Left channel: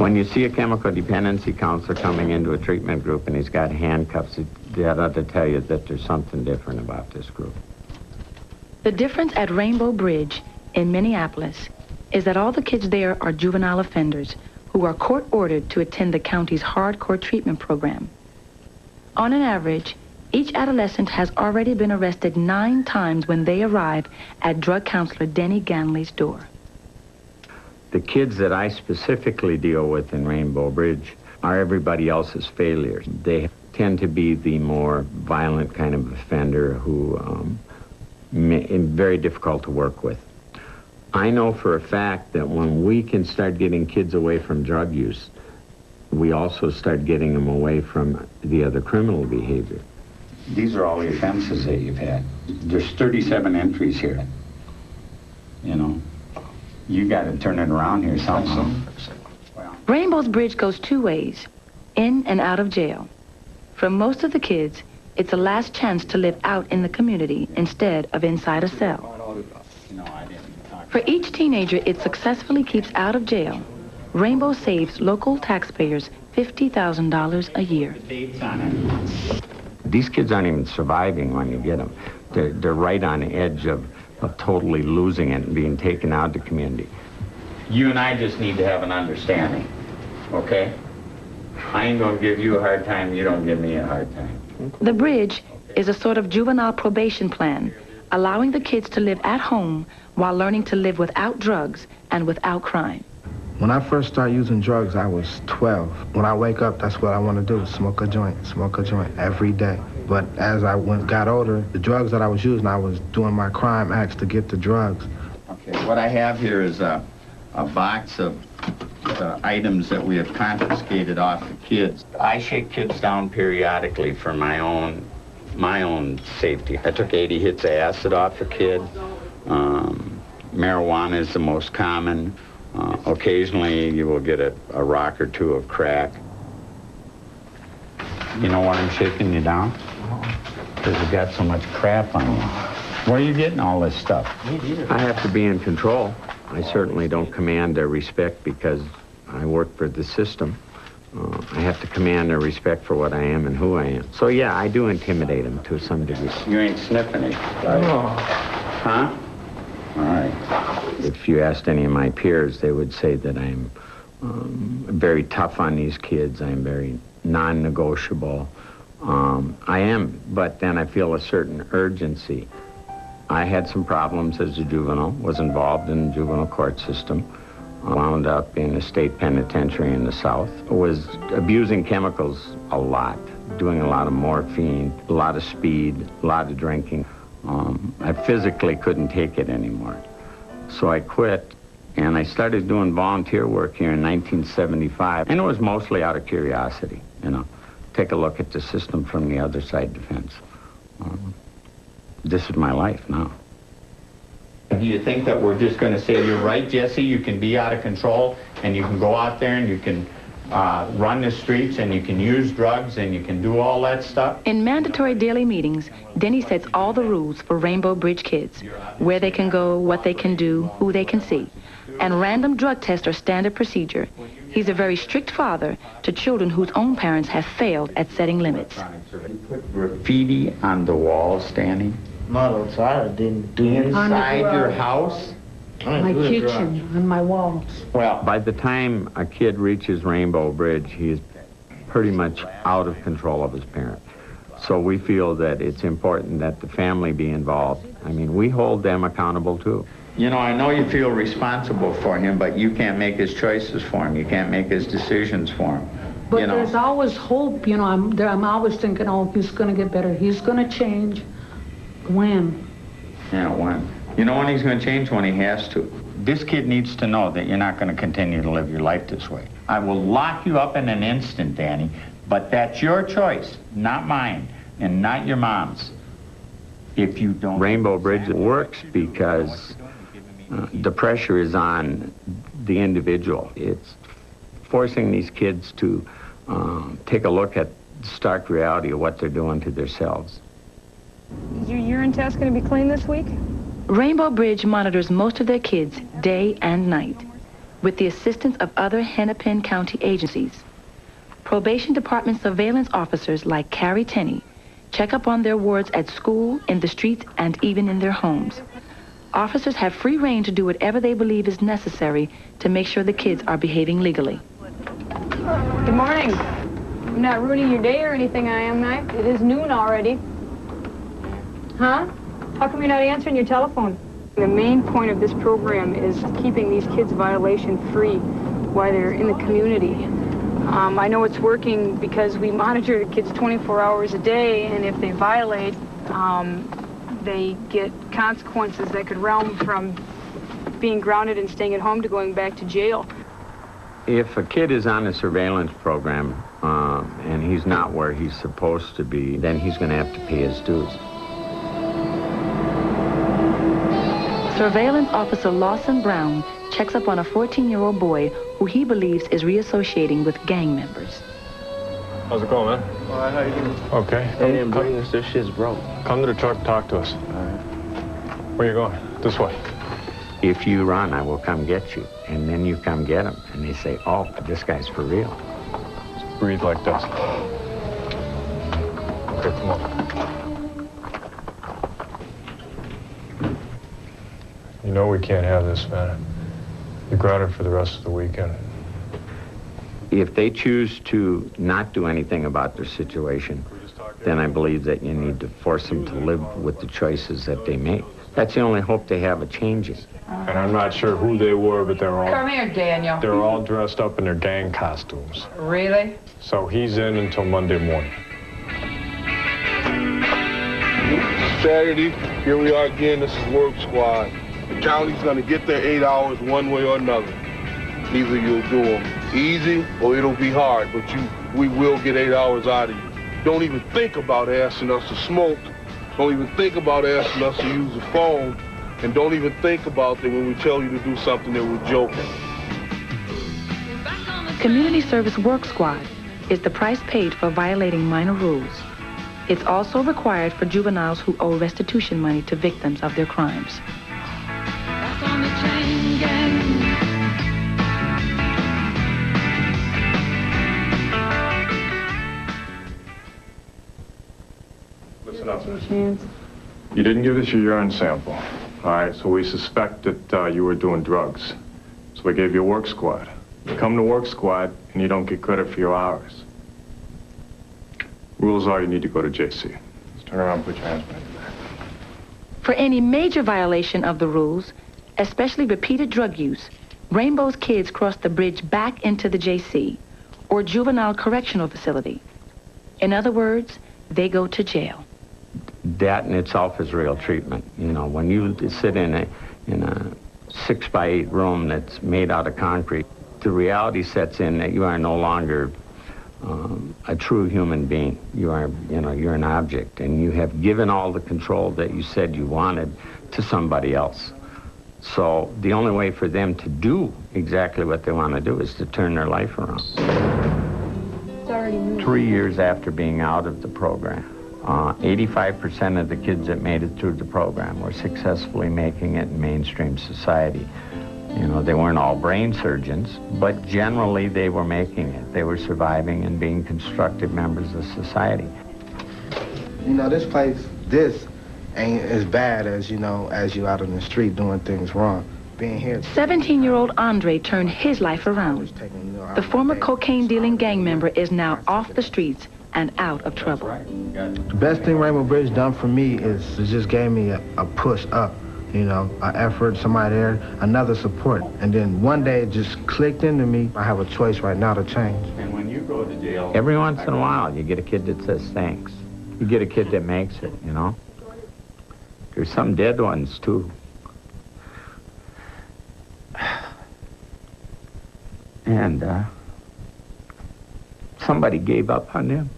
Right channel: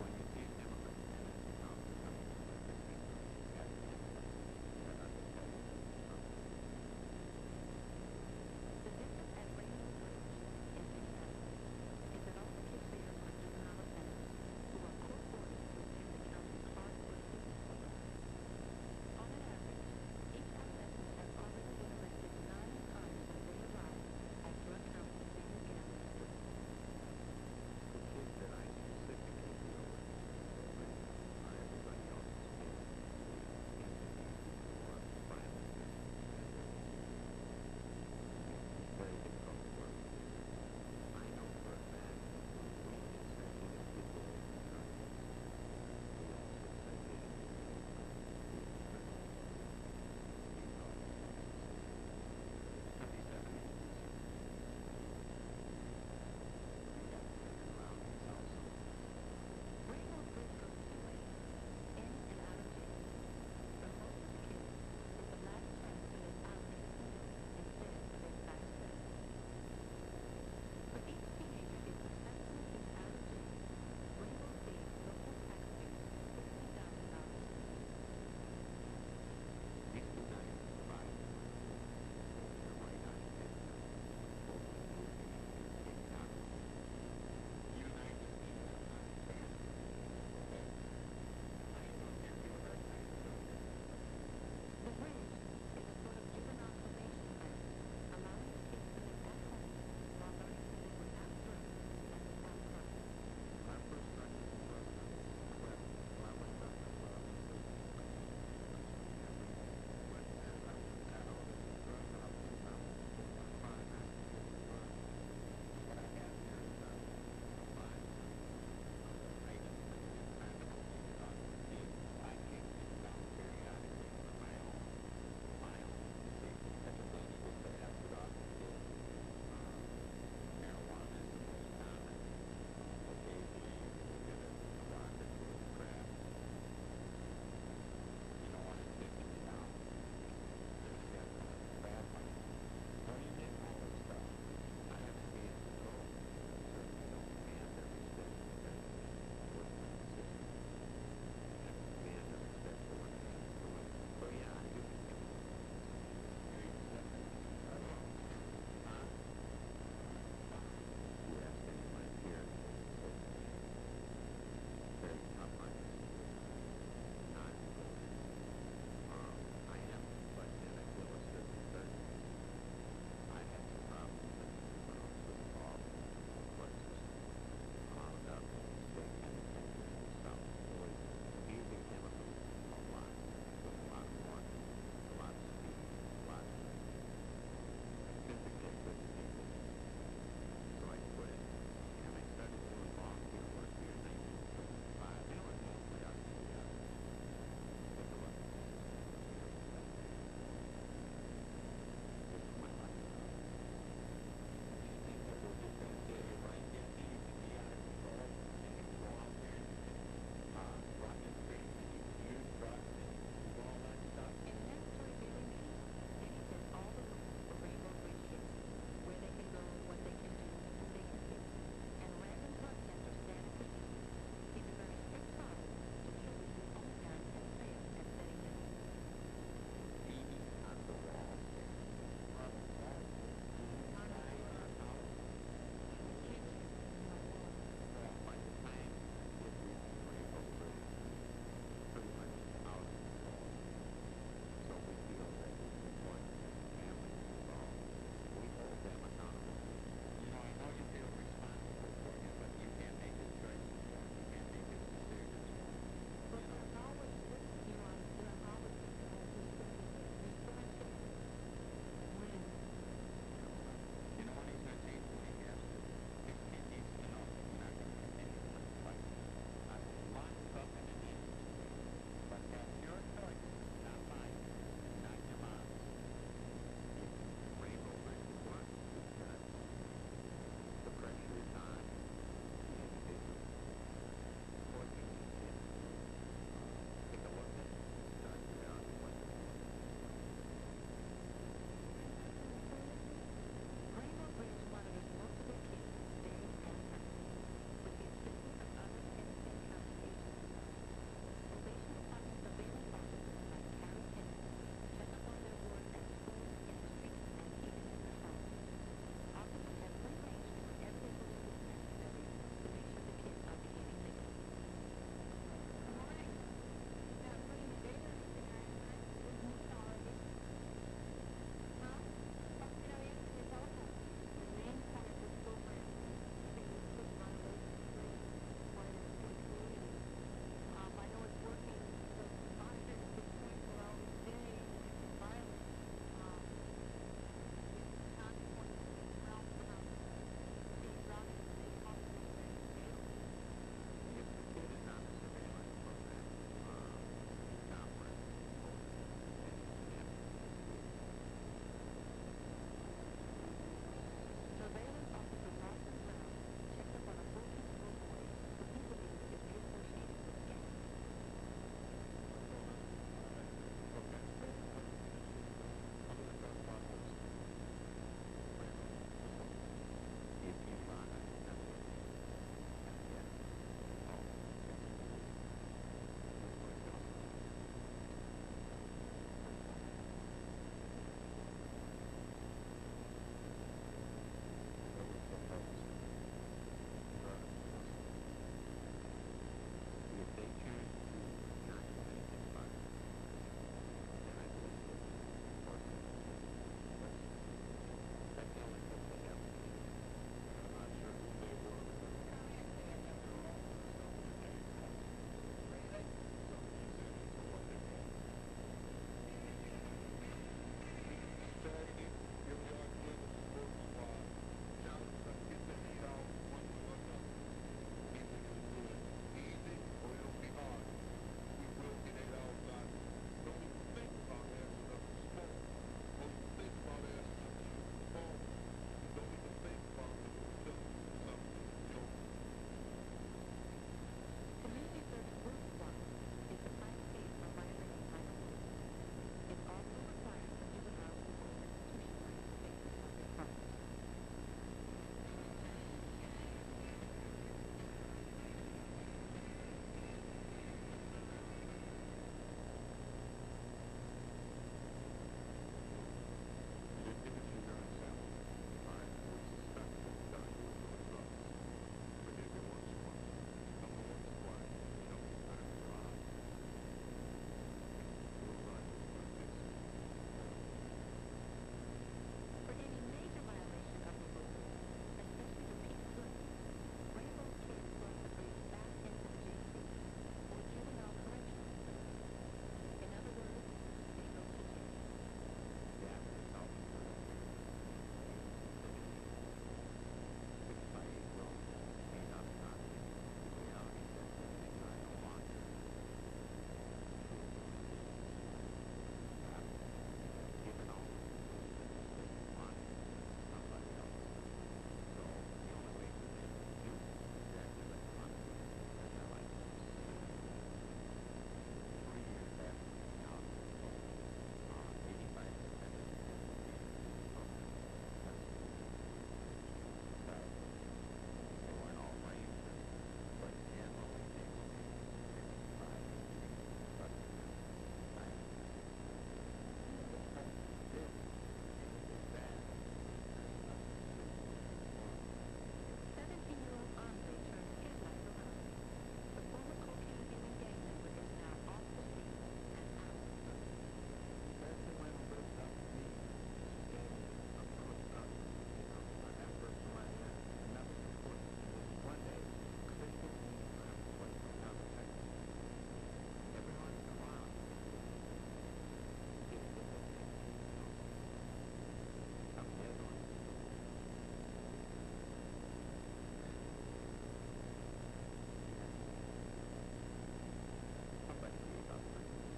When you see a chemical dependency counselor coming into a treatment group and he's got handcuffs, that ought to tell you that there's something different about this group. The difference at Rainbow Bridge in Minneapolis is that all the kids there are juvenile offenders who are court-ordered to attend the county's hardcore treatment program. On an average, each adolescent has already been arrested 9 times when they arrive at drug counselor Denny Ganley's door. The kids that I specifically deal with in Rainbow Bridge are everybody else's failures. They tend to be the more violent kind of offender who very difficult to work with. I know for a fact that when we can start getting kids away from drug use, we also start getting them away from the other criminal behavior. These are all the offenses that you've had. There's 37 entries here. You know, you got to turn it around here somehow. Rainbow's Bridge goes 2 ways, in and out of jail. For most of the kids, it's a last chance to live out in the community instead of inside a cell. For each teenager it successfully keeps out of jail, Rainbow saves local taxpayers $50,000 a year. These kids aren't even surviving when you get them. They're right on the edge of totally losing it and being taken out of the community. You and I just need to have an understanding, okay? I ain't gonna give you a hard time, you don't give me a hard time. The Bridge is a sort of juvenile probation plan, allowing the kids to live at home while learning to live without drugs and without crime. When I first started using drugs, I was 12. When I wake up, that's what I want to do, smoke a joint every day. But as I got older, the drugs that I was using, I was doing my crime acts to get the drugs. Okay, what I have here is a box of items that we have confiscated off the kids. I shake kids down periodically for my own safety. I took 80 hits of acid off a kid. Marijuana is the most common. Occasionally you will get a rock or two of crack. You know why I'm shaking you down? Because you got so much crap on you. Where are you getting all this stuff? I have to be in control. I certainly don't command their respect because I work for the system. I have to command their respect for what I am and who I am. So yeah, I do intimidate them to some degree. You ain't sniffing it, right? No. Huh? All right. If you asked any of my peers, they would say that I'm very tough on these kids. I'm very non-negotiable. I am, but then I feel a certain urgency. I had some problems as a juvenile, was involved in the juvenile court system, wound up in a state penitentiary in the South, was abusing chemicals a lot, doing a lot of morphine, a lot of speed, a lot of drinking. I physically couldn't take it anymore. So I quit, and I started doing volunteer work here in 1975, and it was mostly out of curiosity, you know, take a look at the system from the other side defense. This is my life now. Do you think that we're just going to say, you're right, Jesse, you can be out of control, and you can go out there and you can run the streets and you can use drugs and you can do all that stuff? In mandatory daily meetings, Denny sets all the rules for Rainbow Bridge kids, where they can go, what they can do, who they can see. And random drug tests are standard procedure. He's a very strict father to children whose own parents have failed at setting limits. You put graffiti on the walls, Danny? Not outside, I didn't do it. Inside your house? My kitchen, on my walls. Well, by the time a kid reaches Rainbow Bridge, he is pretty much out of control of his parent. So we feel that it's important that the family be involved. I mean, we hold them accountable too. You know, I know you feel responsible for him, but you can't make his choices for him. You can't make his decisions for him. But you know, there's always hope, you know. I'm always thinking, oh, he's going to get better. He's going to change. When? Yeah, when? You know when he's going to change? When he has to. This kid needs to know that you're not going to continue to live your life this way. I will lock you up in an instant, Danny, but that's your choice, not mine, and not your mom's. If you don't... Rainbow Bridge works because the pressure is on the individual. It's forcing these kids to take a look at the stark reality of what they're doing to themselves. Is your urine test going to be clean this week? Rainbow Bridge monitors most of their kids day and night. with the assistance of other Hennepin County agencies. Probation Department surveillance officers like Carrie Tenney check up on their wards at school, in the streets, and even in their homes. Officers have free rein to do whatever they believe is necessary to make sure the kids are behaving legally. Good morning. I'm not ruining your day or anything, I am not. It is noon already. Huh? How come you're not answering your telephone? The main point of this program is keeping these kids violation-free while they're in the community. I know it's working because we monitor the kids 24 hours a day, and if they violate, they get consequences that could realm from being grounded and staying at home to going back to jail. If a kid is on a surveillance program and he's not where he's supposed to be, then he's going to have to pay his dues. Surveillance Officer Lawson Brown checks up on a 14-year-old boy who he believes is reassociating with gang members. How's it going, man? All right, how you doing? Okay. They didn't bring us, this shit's broke. Come to the truck, talk to us. All right. Where you going? This way. If you run, I will come get you. And then you come get him. And they say, oh, this guy's for real. Just breathe like this. Okay, come on. You know we can't have this, man. You're grounded for the rest of the weekend. If they choose to not do anything about their situation, then I believe that you need to force them to live with the choices that they make. That's the only hope they have of changing. And I'm not sure who they were, but Come here, Daniel. they're all dressed up in their gang costumes. Really? So he's in until Monday morning. Saturday, here we are again. This is work squad. The county's gonna get their 8 hours one way or another. Either you'll do them easy or it'll be hard, but we will get 8 hours out of you. Don't even think about asking us to smoke. Don't even think about asking us to use the phone. And don't even think about that when we tell you to do something that we're joking. Community Service Work Squad is the price paid for violating minor rules. It's also required for juveniles who owe restitution money to victims of their crimes. Listen up. You didn't give us your urine sample. All right, so we suspect that you were doing drugs. So we gave you a work squad. You come to work squad, and you don't get credit for your hours. Rules are you need to go to JC. Let's turn around and put your hands behind your back. For any major violation of the rules, especially repeated drug use, Rainbow's kids cross the bridge back into the JC, or juvenile correctional facility. In other words, they go to jail. That in itself is real treatment. You know, when you sit in a 6x8 room that's made out of concrete, the reality sets in that you are no longer a true human being. You are, you're an object, and you have given all the control that you said you wanted to somebody else. So the only way for them to do exactly what they want to do is to turn their life around. 3 years after being out of the program, 85% of the kids that made it through the program were successfully making it in mainstream society. You know, they weren't all brain surgeons, but generally they were making it. They were surviving and being constructive members of society. You know, this place, this ain't as bad as, as you out on the street doing things wrong. Being here... 17-year-old Andre turned his life around. The former cocaine-dealing gang member is now off the streets and out of trouble. The best thing Rainbow Bridge done for me is it just gave me a push up, an effort, somebody there, another support. And then one day it just clicked into me. I have a choice right now to change. And when you go to jail, every once in a while you get a kid that says thanks. You get a kid that makes it, There's some dead ones, too. And somebody gave up on them.